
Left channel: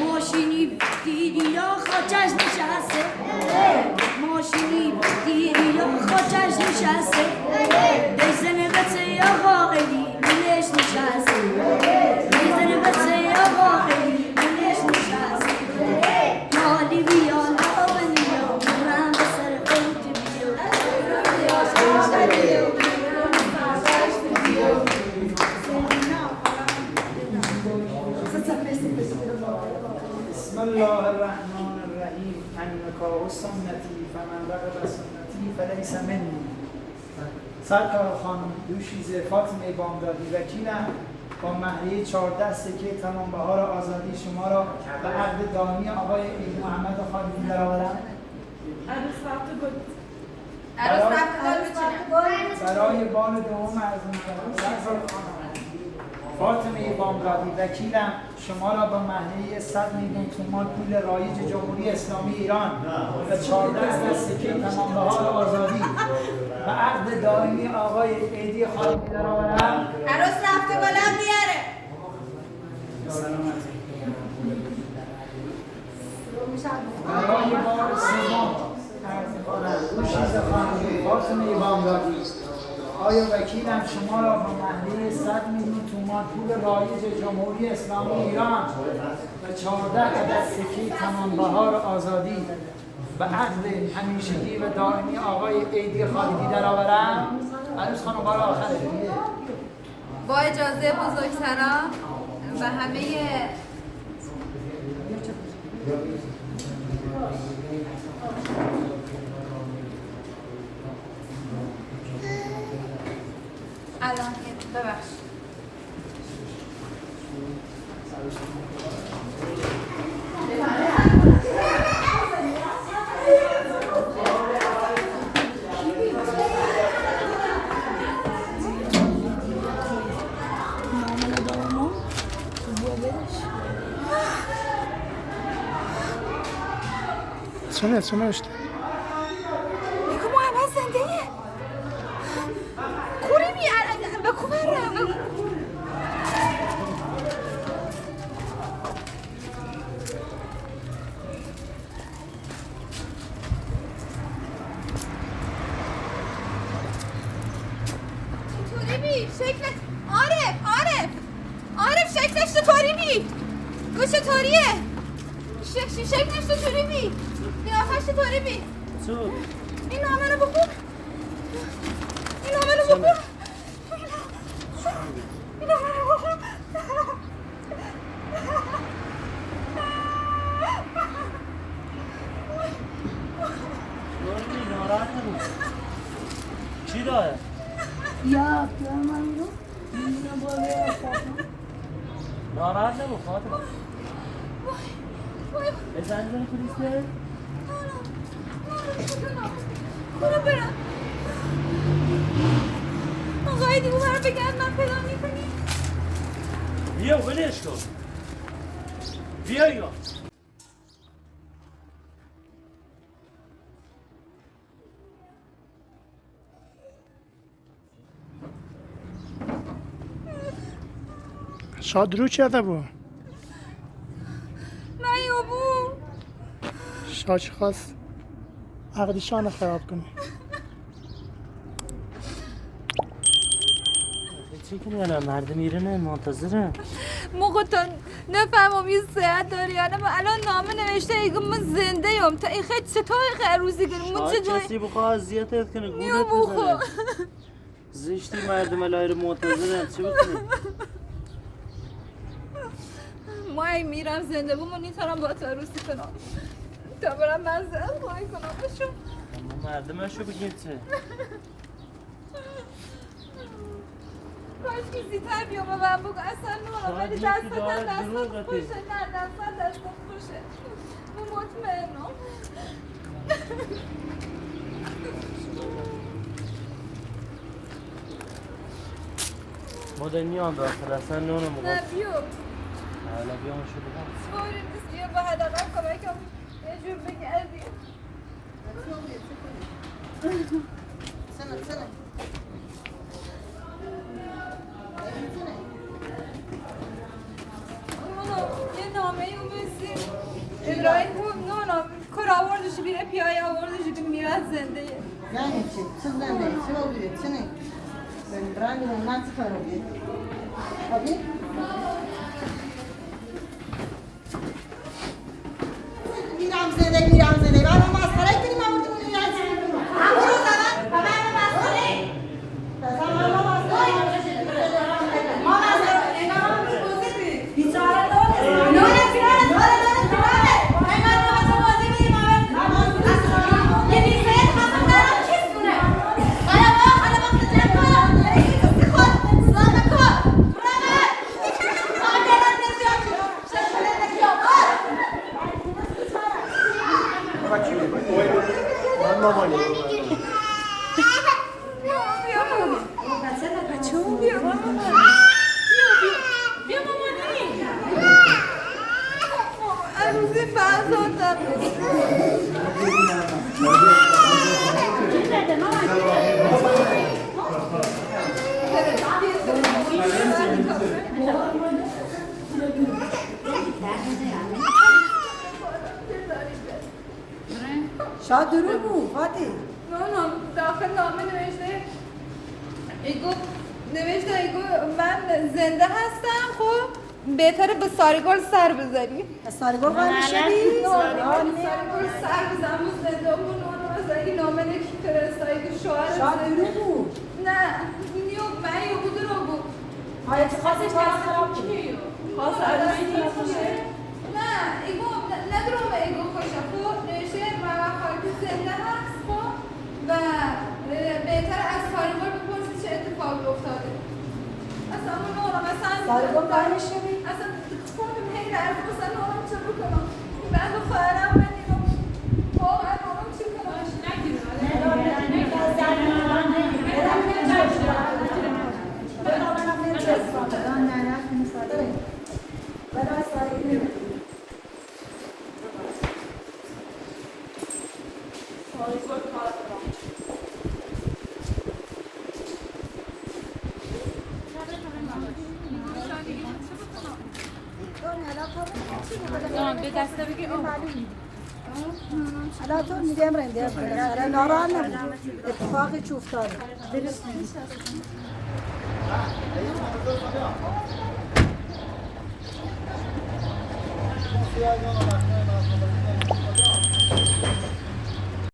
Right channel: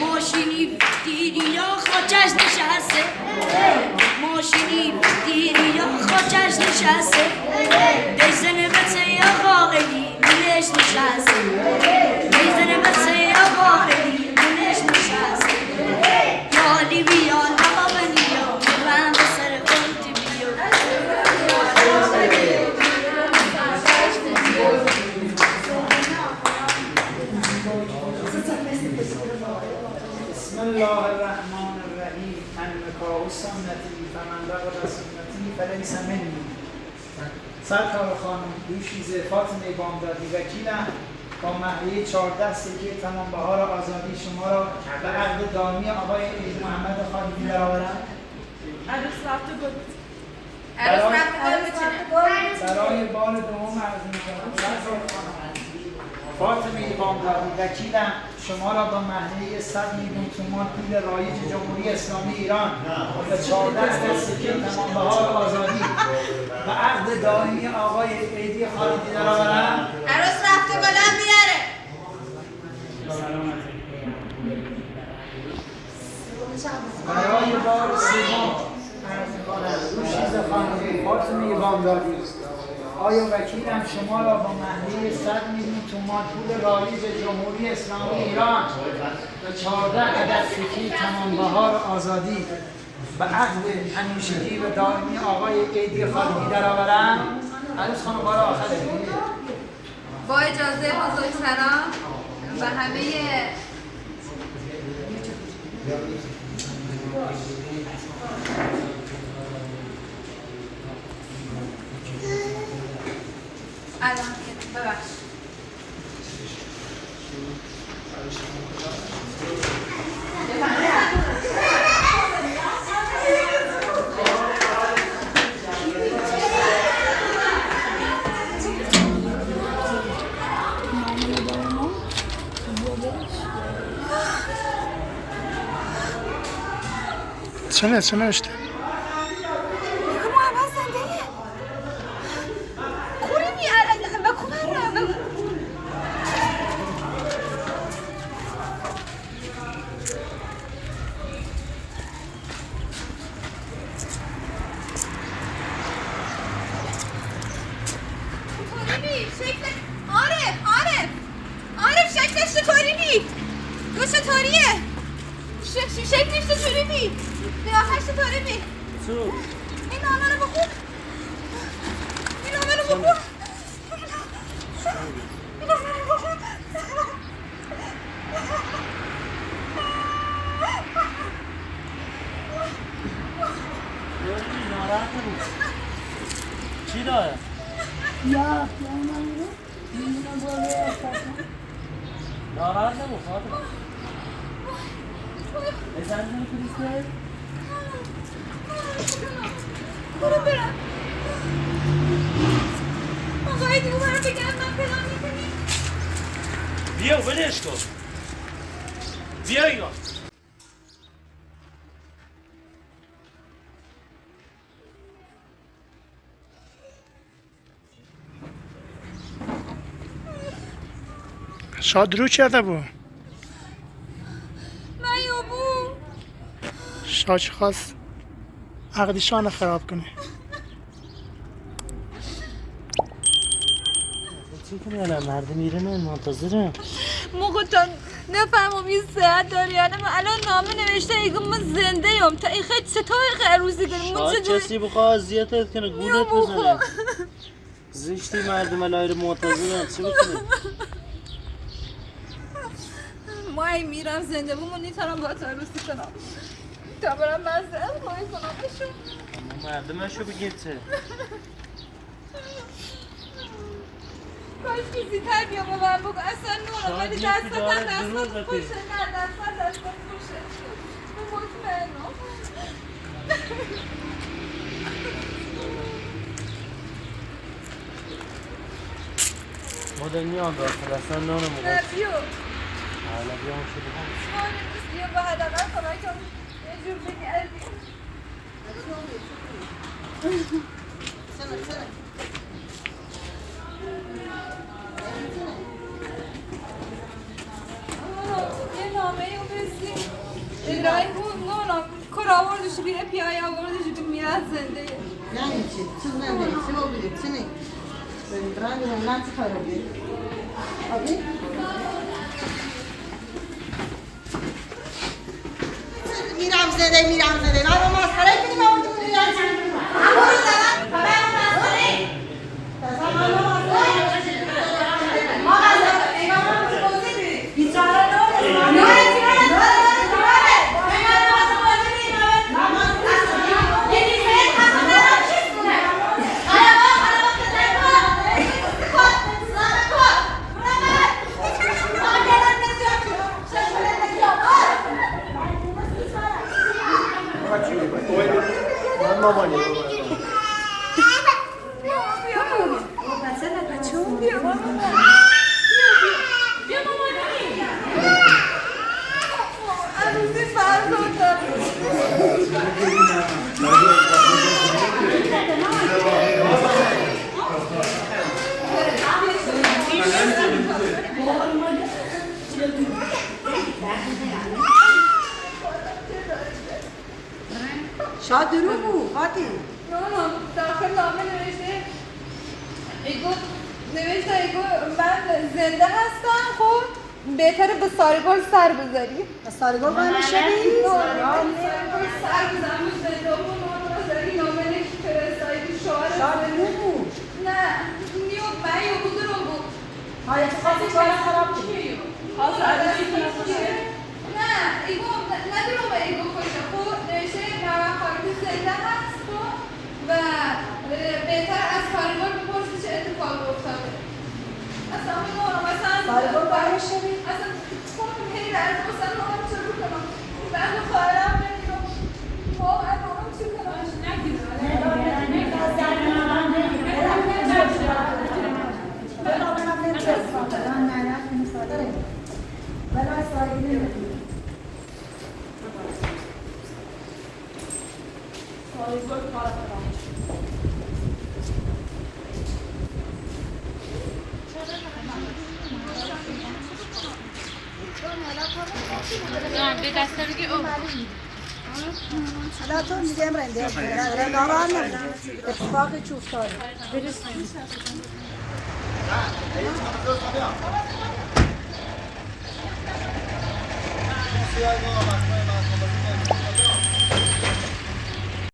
ماشینی دیدی یا خاکش نشسته ماشینی دیدی یا خاکش نشسته بزنه بسه یا قاقلی میلش نشسته بزنه بسه یا قاقلی میلش نشسته یالی بیا نامنی یا من به سر قلتی بسم الله الرحمن الرحیم انکا سنتی فمن رغب سنتی فلیس منی. سرکار خانم دوشیزه فاطمه بامدادی وکیلم با مهریه 14 سکه تمام بهار آزادی شما را به عقد دائمی آقای عید محمد خالدی درآورم. عروس رفته بود برای بار دوم عرض می‌کنم سرکار خانم فاطمه بامدادی وکیلم شما را با مهریه 100 میلیون تومان پول رایج جمهوری اسلامی ایران به 14 سکه تمام بهار آزادی و عقد دائمی آقای عیدی خالدی درآورم. عروس رفته بلند بیاره برای بار سوم عرض می‌کنم دوشیزه خانم فاطمه بامدادی آیا وکیلم شما را با مهریه 100 میلیون تومان پول رایج جمهوری اسلامی ایران و 14 عدد سکه تمام بهار آزادی و عقد همیشگی و دائمی آقای عیدی خالدی درآورم؟ عروس خانم بار آخره. با اجازه بزرگسران و همه الان ببخش چه نوشته؟ عارف شکلش چطوری بی؟ تو چطوریه؟ شکلش چطوری بی؟ قیافش چطوری بی؟ این نامه رو بخون این نامه رو بخون این نامه رو بخون ناراحت نبود. چی داره؟ یا من رو میدونم باید فاطمه ناراحت نبود فاطمه. بزن من پلیسه؟ برو برم آقای دیگه برم بگم من فلان میکنی بیا ولش کن. بیا اینا. شاد رو کرده بود. من یابو شاچ خواست عقدشان خراب کنه. چی کنی الان مردم میرنن منتظرم موقع تا نفهمم یه صحت داری یا نه من الان نامه نوشته ایگو من زنده ام تا این خیلی ستای روزی کنیم من شاید کسی بخواه اذیتت کنه گولت بزنه زشتی مردم الان منتظرم چی بکنی؟ ما ای میرم زنده بود من نیترم با تا روزی کنم تا برم مزده خواهی کنم بشون اما مردمشو بگیر چه؟ کاش که زیتر بیا به من بگو اصلا نورم ولی دستت خوشه نه دستت خوشه من مطمئنم مادر میان داخل اصلا نانو مقاط نه بیو حالا بیا مشه بگم مهم نیست بیا به حداقل کمکم یه جور بگردیم یه نامه اون بسیم ادرایی بود نه کار آوردش بیه پیای آوردش که میاد زنده یعنی چی؟ چی نده؟ چی بودی؟ چی نه؟ برند من چی کار بودی؟ آبی؟ میرم زده راه مسخره کنی نمیتونی میرم برو زدن بابا مسخره تازه ماما مسخره ما مسخره بیچاره شاید درو بود فاتی نه داخل نامه نوشته ایگو نوشته ایگو من زنده هستم خب بهتره به ساریگل سر بذاری ساریگل قرار شدی؟ ساریگل سر بزنم زنده بود این نامه فرستایی شوهر شاید درو بود نه نیو من یه بود رو بود های تو خواهی کار خراب چی؟ نه ایگو ندیرم با ایگو خوشه خب نوشته من خواهی زنده هست خب و بهتر از ساریگل بپرسی چه اتفاقی افتاده اصلا اون نورم اصلا ساریگل قرار شدی؟ اصلا خودم هی رد اصلا نورم چه بکنم بعد خواهرم نمیدونم واقعا نورم چه کنم حالا تو میگم رنده ناراحت نبود اتفاقی چی افتاده Não sei agora, mas